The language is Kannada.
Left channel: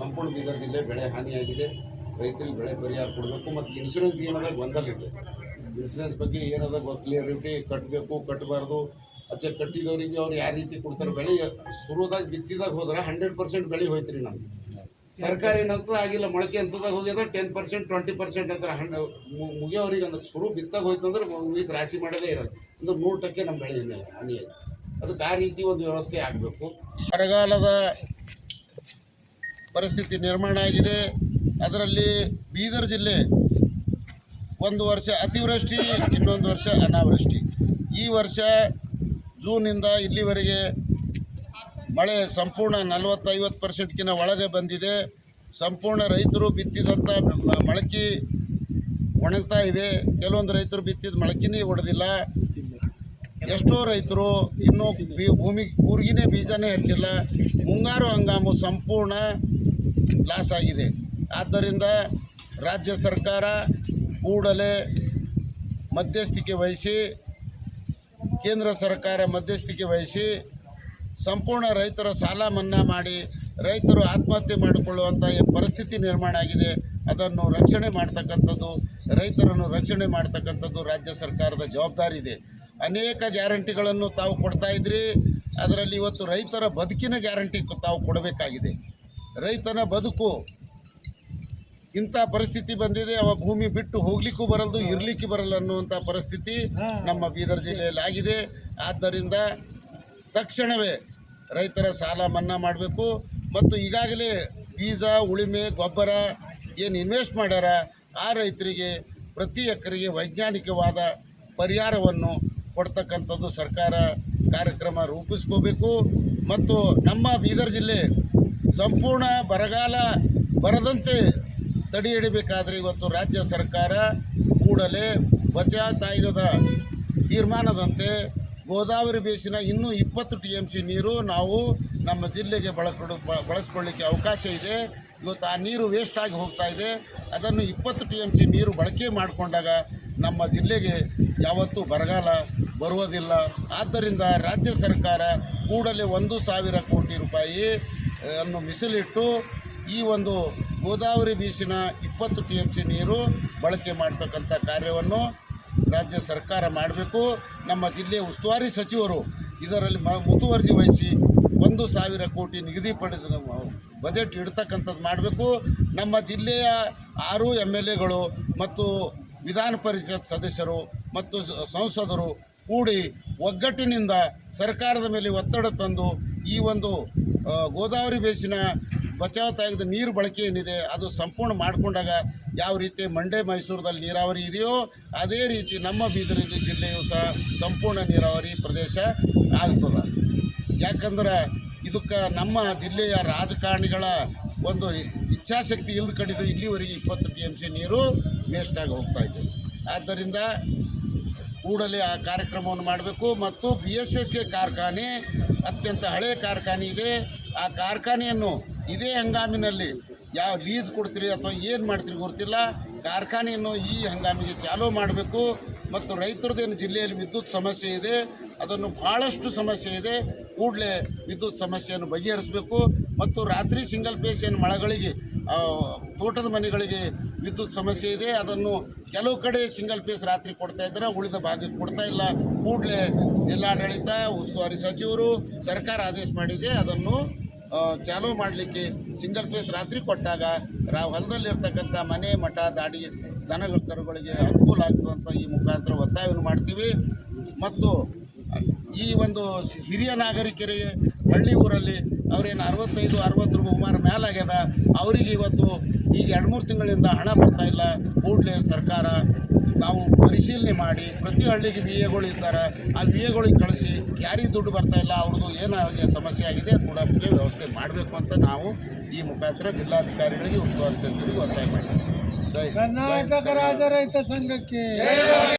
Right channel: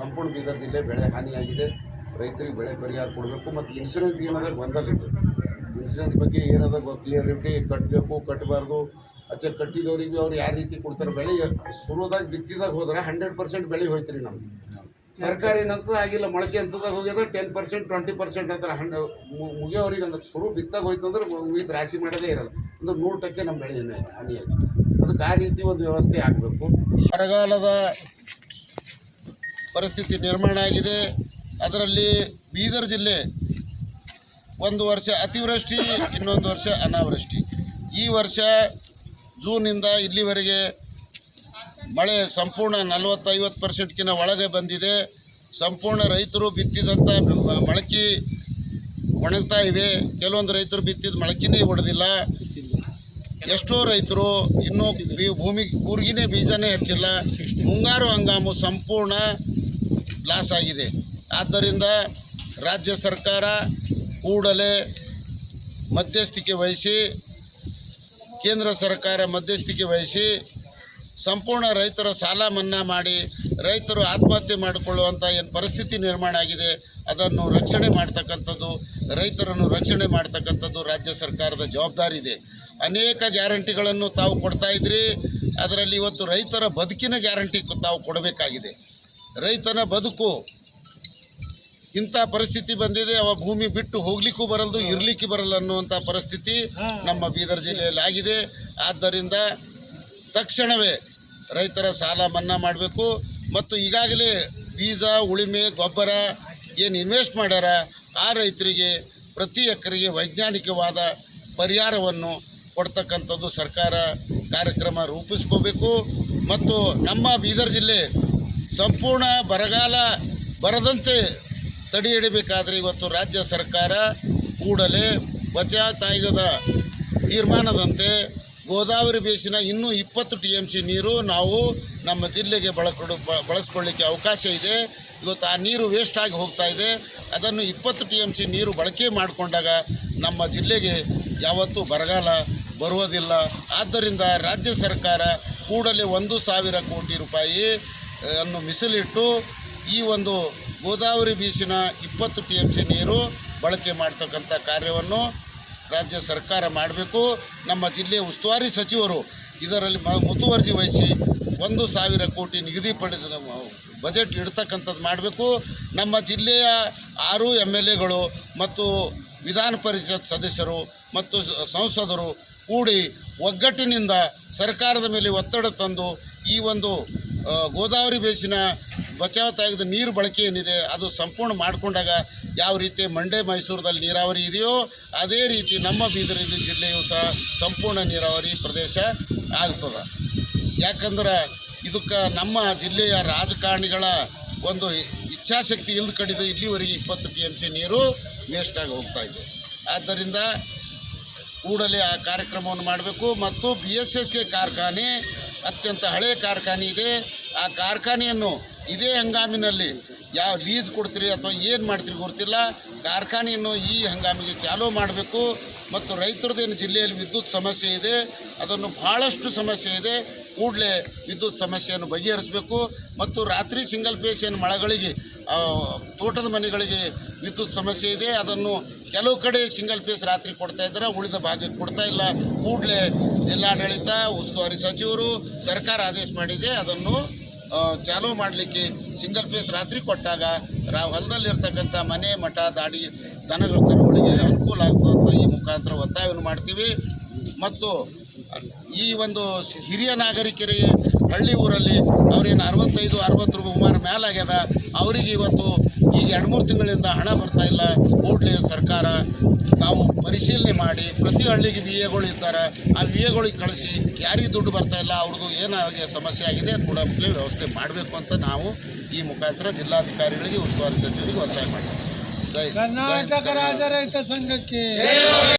ಸಂಪೂರ್ಣ ಬೀದರ್ ಜಿಲ್ಲೆ ಬೆಳೆ ಹಾನಿಯಾಗಿದೆ. ರೈತರಿಗೆ ಬೆಳೆ ಪರಿಹಾರ ಕೊಡಬೇಕು ಮತ್ತು ಇನ್ಶೂರೆನ್ಸ್ ಏನದ ಗೊಂದಲ ಇದೆ. ಇನ್ಶೂರೆನ್ಸ್ ಬಗ್ಗೆ ಏನದ ಕ್ಲಿಯರಿಟಿ ಕಟ್ಟಬೇಕು ಕಟ್ಟಬಾರ್ದು. ಅಚ್ಚ ಕಟ್ಟಿದವ್ರಿಗೆ ಅವ್ರು ಯಾವ ರೀತಿ ಕೊಡ್ತಾರೆ ಬೆಳೆ ಶುರುದಾಗ ಬಿತ್ತಿದಾಗ ಹೋದ್ರೆ 100% ಬೆಳೆ ಹೋಯ್ತು ರೀ. ನಮ್ಗೆ ಸರ್ಕಾರ ಏನಂತದ ಆಗಿಲ್ಲ, ಮೊಳಕೆ ಅಂತದಾಗ ಹೋಗ್ಯದ 10% 20% ಅಂತಾರೆ. ಮುಗಿಯೋರಿಗೆ ಅಂದ್ರೆ ಶುರು ಬಿತ್ತಾಗ ಹೋಯ್ತು ಅಂದ್ರೆ ಮುಗಿದು ರಾಶಿ ಮಾಡೋದೇ ಇರಲ್ಲ ಅಂದ್ರೆ 100% ನಮ್ಮ ಬೆಳೆ ಹಾನಿಯಾಗಿದೆ. ಅದಕ್ಕೆ ಆ ರೀತಿ ಒಂದು ವ್ಯವಸ್ಥೆ ಆಗಬೇಕು. ಬರಗಾಲದ ಪರಿಸ್ಥಿತಿ ನಿರ್ಮಾಣ ಆಗಿದೆ. ಅದರಲ್ಲಿ ಬೀದರ್ ಜಿಲ್ಲೆ ಒಂದು ವರ್ಷ ಅತಿವೃಷ್ಟಿ, ಇನ್ನೊಂದು ವರ್ಷ ಅನಾವೃಷ್ಟಿ. ಈ ವರ್ಷ ಜೂನಿಂದ ಇಲ್ಲಿವರೆಗೆ ಮಳೆ ಸಂಪೂರ್ಣ 40-50%ಕ್ಕಿಂತ ಒಳಗೆ ಬಂದಿದೆ. ಸಂಪೂರ್ಣ ರೈತರು ಬಿತ್ತಿದಂಥ ಮೊಳಕೆ ಒಣಗ್ತಾ ಇವೆ. ಕೆಲವೊಂದು ರೈತರು ಬಿತ್ತಿದ ಮೊಳಕೆನೇ ಒಡೆದಿಲ್ಲ. ಎಷ್ಟೋ ರೈತರು ಇನ್ನೂ ಭೂಮಿ ಕೂರ್ಗಿನೇ ಬೀಜನೇ ಹಚ್ಚಿಲ್ಲ. ಮುಂಗಾರು ಹಂಗಾಮು ಸಂಪೂರ್ಣ ಲಾಸ್ ಆಗಿದೆ. ಆದ್ದರಿಂದ ರಾಜ್ಯ ಸರ್ಕಾರ ಕೂಡಲೇ ಮಧ್ಯಸ್ಥಿಕೆ ವಹಿಸಿ, ಕೇಂದ್ರ ಸರ್ಕಾರ ಮಧ್ಯಸ್ಥಿಕೆ ವಹಿಸಿ ಸಂಪೂರ್ಣ ರೈತರ ಸಾಲ ಮನ್ನಾ ಮಾಡಿ ರೈತರು ಆತ್ಮಹತ್ಯೆ ಮಾಡಿಕೊಳ್ಳುವಂಥ ಏನು ಪರಿಸ್ಥಿತಿ ನಿರ್ಮಾಣ ಆಗಿದೆ ಅದನ್ನು ರಕ್ಷಣೆ ಮಾಡ್ತಕ್ಕಂಥದ್ದು, ರೈತರನ್ನು ರಕ್ಷಣೆ ಮಾಡ್ತಕ್ಕಂಥದ್ದು ರಾಜ್ಯ ಸರ್ಕಾರದ ಜವಾಬ್ದಾರಿ ಇದೆ. ಅನೇಕ ಗ್ಯಾರಂಟಿಗಳನ್ನು ತಾವು ಕೊಡ್ತಾ ಇದ್ರಿ. ಅದರಲ್ಲಿ ಇವತ್ತು ರೈತರ ಬದುಕಿನ ಗ್ಯಾರಂಟಿ ತಾವು ಕೊಡಬೇಕಾಗಿದೆ. ರೈತನ ಬದುಕು ಇಂಥ ಪರಿಸ್ಥಿತಿ ಬಂದಿದೆ. ಅವ ಭೂಮಿ ಬಿಟ್ಟು ಹೋಗ್ಲಿಕ್ಕೂ ಬರಲ್ದು, ಇರಲಿಕ್ಕೆ ಬರಲ್ಲ ಅನ್ನುವಂಥ ಪರಿಸ್ಥಿತಿ ನಮ್ಮ ಬೀದರ್ ಜಿಲ್ಲೆಯಲ್ಲಿ ಆಗಿದೆ. ಆದ್ದರಿಂದ ತಕ್ಷಣವೇ ರೈತರ ಸಾಲ ಮನ್ನಾ ಮಾಡಬೇಕು ಮತ್ತು ಈಗಾಗಲೇ ಬೀಜ, ಉಳುಮೆ, ಗೊಬ್ಬರ ಏನು ಇನ್ವೆಸ್ಟ್ ಮಾಡ್ಯಾರ ಆ ರೈತರಿಗೆ ಪ್ರತಿ ಎಕರೆಗೆ ವೈಜ್ಞಾನಿಕವಾದ ಪರಿಹಾರವನ್ನು ಕೊಡ್ತಕ್ಕಂಥದ್ದು ಸರ್ಕಾರ ಕಾರ್ಯಕ್ರಮ ರೂಪಿಸ್ಕೋಬೇಕು. ಮತ್ತು ನಮ್ಮ ಬೀದರ್ ಜಿಲ್ಲೆ ಸಂಪೂರ್ಣ ಬರಗಾಲ ಬರದಂತೆ ತಡೆ ಹಿಡಿಬೇಕಾದರೆ ಇವತ್ತು ರಾಜ್ಯ ಸರ್ಕಾರ ಕೂಡಲೇ ಬಚಾವ್ ಆಯೋಗದ ತೀರ್ಮಾನದಂತೆ ಗೋದಾವರಿ ಬೇಸಿನ ಇನ್ನೂ 20 TMC ನೀರು ನಾವು ನಮ್ಮ ಜಿಲ್ಲೆಗೆ ಬಳಸ್ಕೊಳ್ಳಿಕ್ಕೆ ಅವಕಾಶ ಇದೆ. ಇವತ್ತು ಆ ನೀರು ವೇಸ್ಟ್ ಆಗಿ ಹೋಗ್ತಾ ಇದೆ. ಅದನ್ನು 20 TMC ನೀರು ಬಳಕೆ ಮಾಡಿಕೊಂಡಾಗ ನಮ್ಮ ಜಿಲ್ಲೆಗೆ ಯಾವತ್ತೂ ಬರಗಾಲ ಬರುವುದಿಲ್ಲ. ಆದ್ದರಿಂದ ರಾಜ್ಯ ಸರ್ಕಾರ ಕೂಡಲೇ 1,000 ಕೋಟಿ ರೂಪಾಯಿ ಅನ್ನು ಮೀಸಲಿಟ್ಟು ಈ ಒಂದು ಗೋದಾವರಿ ಬೀಸಿನ 20 TMC ನೀರು ಬಳಕೆ ಮಾಡ್ತಕ್ಕಂಥ ಕಾರ್ಯವನ್ನು ರಾಜ್ಯ ಸರ್ಕಾರ ಮಾಡಬೇಕು. ನಮ್ಮ ಜಿಲ್ಲೆಯ ಉಸ್ತುವಾರಿ ಸಚಿವರು ಇದರಲ್ಲಿ ಮುತುವರ್ಜಿ ವಹಿಸಿ 1,000 ಕೋಟಿ ನಿಗದಿಪಡಿಸಿದ ಬಜೆಟ್ ಇಡ್ತಕ್ಕಂಥದ್ದು ಮಾಡಬೇಕು. ನಮ್ಮ ಜಿಲ್ಲೆಯ 6 MLAಗಳು ಮತ್ತು ವಿಧಾನ ಪರಿಷತ್ ಸದಸ್ಯರು ಮತ್ತು ಸಂಸದರು ಕೂಡಿ ಒಗ್ಗಟ್ಟಿನಿಂದ ಸರ್ಕಾರದ ಮೇಲೆ ಒತ್ತಡ ತಂದು ಈ ಒಂದು ಗೋದಾವರಿ ಬೇಸಿನ ಬಚಾವ್ ತೆಗೆದ ನೀರು ಬಳಕೆ ಏನಿದೆ ಅದು ಸಂಪೂರ್ಣ ಮಾಡಿಕೊಂಡಾಗ ಯಾವ ರೀತಿ ಮಂಡ್ಯ ಮೈಸೂರದಲ್ಲಿ ನೀರಾವರಿ ಇದೆಯೋ ಅದೇ ರೀತಿ ನಮ್ಮ ಬೀದರ್ ಜಿಲ್ಲೆಯೂ ಸಹ ಸಂಪೂರ್ಣ ನೀರಾವರಿ ಪ್ರದೇಶ ಆಗ್ತದೆ. ಯಾಕಂದ್ರೆ ಇದಕ್ಕೆ ನಮ್ಮ ಜಿಲ್ಲೆಯ ರಾಜಕಾರಣಿಗಳ ಒಂದು ಇಚ್ಛಾಶಕ್ತಿ ಇಲ್ಲದ ಕಡಿದು ಇಲ್ಲಿವರೆಗೆ 20 TMC ನೀರು ವೇಸ್ಟಾಗಿ ಹೋಗ್ತಾ ಇದೆ. ಆದ್ದರಿಂದ ಕೂಡಲೇ ಆ ಕಾರ್ಯಕ್ರಮವನ್ನು ಮಾಡಬೇಕು. ಮತ್ತು BSSK ಕಾರ್ಖಾನೆ ಅತ್ಯಂತ ಹಳೆಯ ಕಾರ್ಖಾನೆ ಇದೆ. ಆ ಕಾರ್ಖಾನೆಯನ್ನು ಇದೇ ಹಂಗಾಮಿನಲ್ಲಿ ಯಾವ ಲೀಸ್ ಕೊಡ್ತೀರಿ ಅಥವಾ ಏನು ಮಾಡ್ತೀರಿ ಗೊತ್ತಿಲ್ಲ, ಕಾರ್ಖಾನೆಯನ್ನು ಈ ಹಂಗಾಮಿಗೆ ಚಾಲೂ ಮಾಡಬೇಕು. ಮತ್ತು ರೈತರದ್ದೇನು ಜಿಲ್ಲೆಯಲ್ಲಿ ವಿದ್ಯುತ್ ಸಮಸ್ಯೆ ಇದೆ, ಅದನ್ನು ಭಾಳಷ್ಟು ಸಮಸ್ಯೆ ಇದೆ, ಕೂಡಲೇ ವಿದ್ಯುತ್ ಸಮಸ್ಯೆಯನ್ನು ಬಗೆಹರಿಸಬೇಕು. ಮತ್ತು ರಾತ್ರಿ ಸಿಂಗಲ್ ಫೇಸ್ ಏನು ಮಳೆಗಳಿಗೆ ತೋಟದ ಮನೆಗಳಿಗೆ ವಿದ್ಯುತ್ ಸಮಸ್ಯೆ ಇದೆ, ಅದನ್ನು ಕೆಲವು ಕಡೆ ಸಿಂಗಲ್ ಫೇಸ್ ರಾತ್ರಿ ಕೊಡ್ತಾ ಇದ್ದಾರೆ, ಉಳಿದ ಭಾಗಕ್ಕೆ ಕೊಡ್ತಾ ಇಲ್ಲ. ಕೂಡಲೇ ಜಿಲ್ಲಾಡಳಿತ, ಉಸ್ತುವಾರಿ ಸಚಿವರು, ಸರ್ಕಾರ ಆದೇಶ ಮಾಡಿದೆ ಅದನ್ನು ಚಾಲೂ ಮಾಡಲಿಕ್ಕೆ. ಸಿಂಗಲ್ ಫೇಸ್ ರಾತ್ರಿ ಕೊಟ್ಟಾಗ ಹೊಲದಲ್ಲಿರ್ತಕ್ಕಂಥ ಮನೆ, ಮಠ, ದಾಡಿ, ದನಗಳ ಕರುಗಳಿಗೆ ಅನುಕೂಲ ಆಗ್ತದಂತ ಈ ಮುಖಾಂತರ ಒತ್ತಾಯವನ್ನು ಮಾಡ್ತೀವಿ. ಮತ್ತು ಈ ಒಂದು ಹಿರಿಯ ನಾಗರಿಕರಿಗೆ ಹಳ್ಳಿ ಊರಲ್ಲಿ ಅವ್ರೇನು 65-60 ರೂಪಾಯಿ ಮೇಲಾಗ್ಯದ, ಅವರಿಗೆ ಇವತ್ತು ಈಗ 2-3 ತಿಂಗಳಿಂದ ಹಣ ಬರ್ತಾ ಇಲ್ಲ. ಕೂಡಲೇ ಸರ್ಕಾರ ನಾವು ಪರಿಶೀಲನೆ ಮಾಡಿ ಪ್ರತಿ ಹಳ್ಳಿಗೆ VAಗಳು ಇದ್ದಾರೆ, ಆ VAಗಳಿಗೆ ಕಳಿಸಿ ಯಾರಿಗೆ ದುಡ್ಡು ಬರ್ತಾ ಇಲ್ಲ ಅವ್ರದ್ದು ಏನಾಗಿ ಸಮಸ್ಯೆ ಆಗಿದೆ ಕೂಡಲೇ ವ್ಯವಸ್ಥೆ ಮಾಡಬೇಕು ಅಂತ ನಾವು ಈ ಮುಖಾಂತರ ಜಿಲ್ಲಾಧಿಕಾರಿಗಳಿಗೆ, ಉಸ್ತುವಾರಿ ಸಚಿವರಿಗೆ ಒತ್ತಾಯ ಮಾಡ್ತೀವಿ. ಕರ್ನಾಟಕ ರಾಜ್ಯ ರೈತ ಸಂಘಕ್ಕೆ